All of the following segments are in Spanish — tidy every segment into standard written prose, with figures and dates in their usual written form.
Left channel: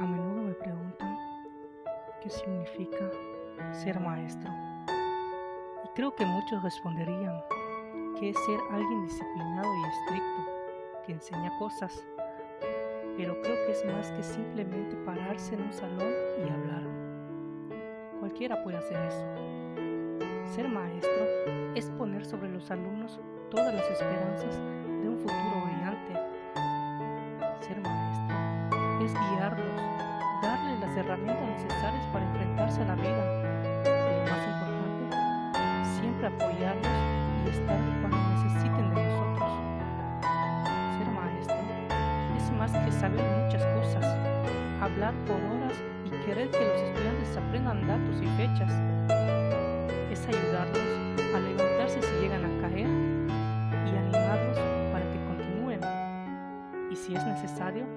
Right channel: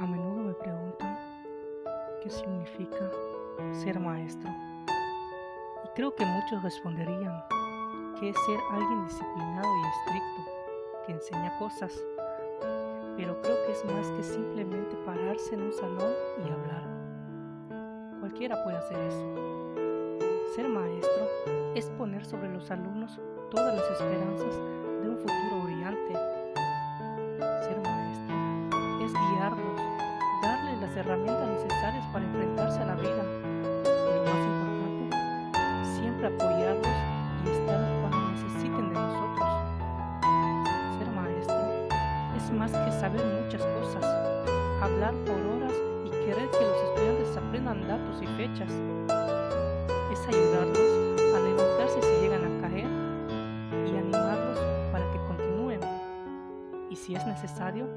A menudo me preguntan qué significa ser maestro. Y creo que muchos responderían que es ser alguien disciplinado y estricto, que enseña cosas. Pero creo que es más que simplemente pararse en un salón y hablar. Cualquiera puede hacer eso. Ser maestro es poner sobre los alumnos todas las esperanzas de un futuro brillante. Ser maestro es guiarlos, darles las herramientas necesarias para enfrentarse a la vida. Y lo más importante, siempre apoyarlos y estar cuando necesiten de nosotros. Ser maestro es más que saber muchas cosas, hablar por horas y querer que los estudiantes aprendan datos y fechas. Es ayudarlos a levantarse si llegan a caer y animarlos para que continúen. Y si es necesario,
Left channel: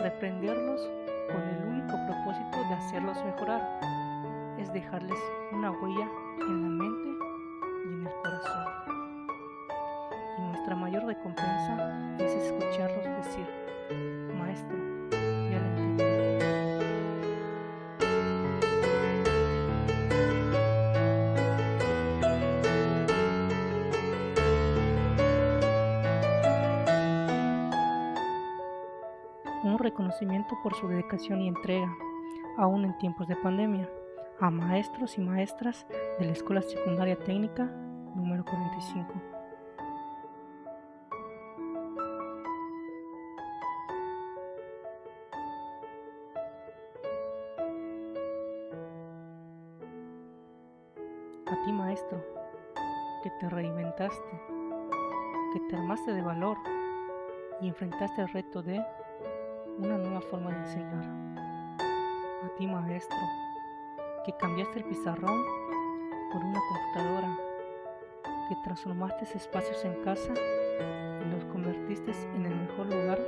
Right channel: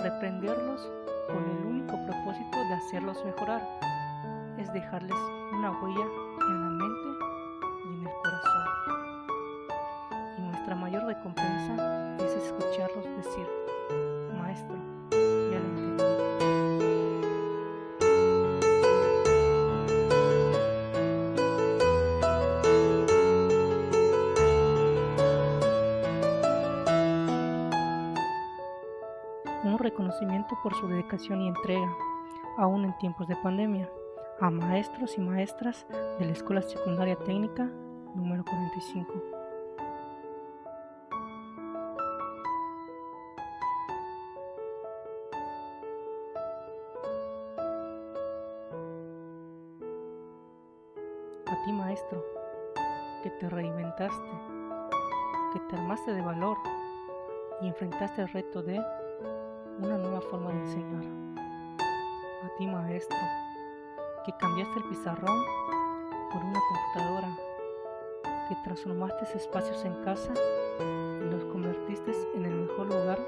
reprenderlos con el único propósito de hacerlos mejorar. Es dejarles una huella en la mente y en el corazón. Y nuestra mayor recompensa es escucharlos decir: maestro, ya lo entendí. Un reconocimiento por su dedicación y entrega, aún en tiempos de pandemia, a maestros y maestras de la Escuela Secundaria Técnica número 45. A ti, maestro, que te reinventaste, que te armaste de valor y enfrentaste el reto de una nueva forma de enseñar. A ti, maestro, que cambiaste el pizarrón por una computadora, que transformaste espacios en casa y los convertiste en el mejor lugar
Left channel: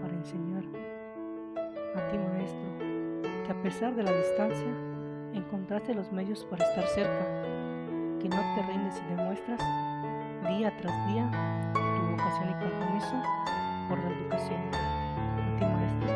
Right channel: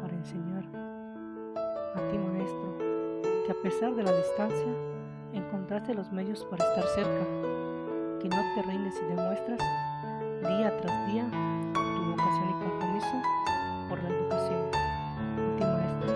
para enseñar. A ti, maestro, que a pesar de la distancia, encontraste los medios para estar cerca, que no te rindes y demuestras día tras día tu vocación y compromiso por la educación. A ti, maestro,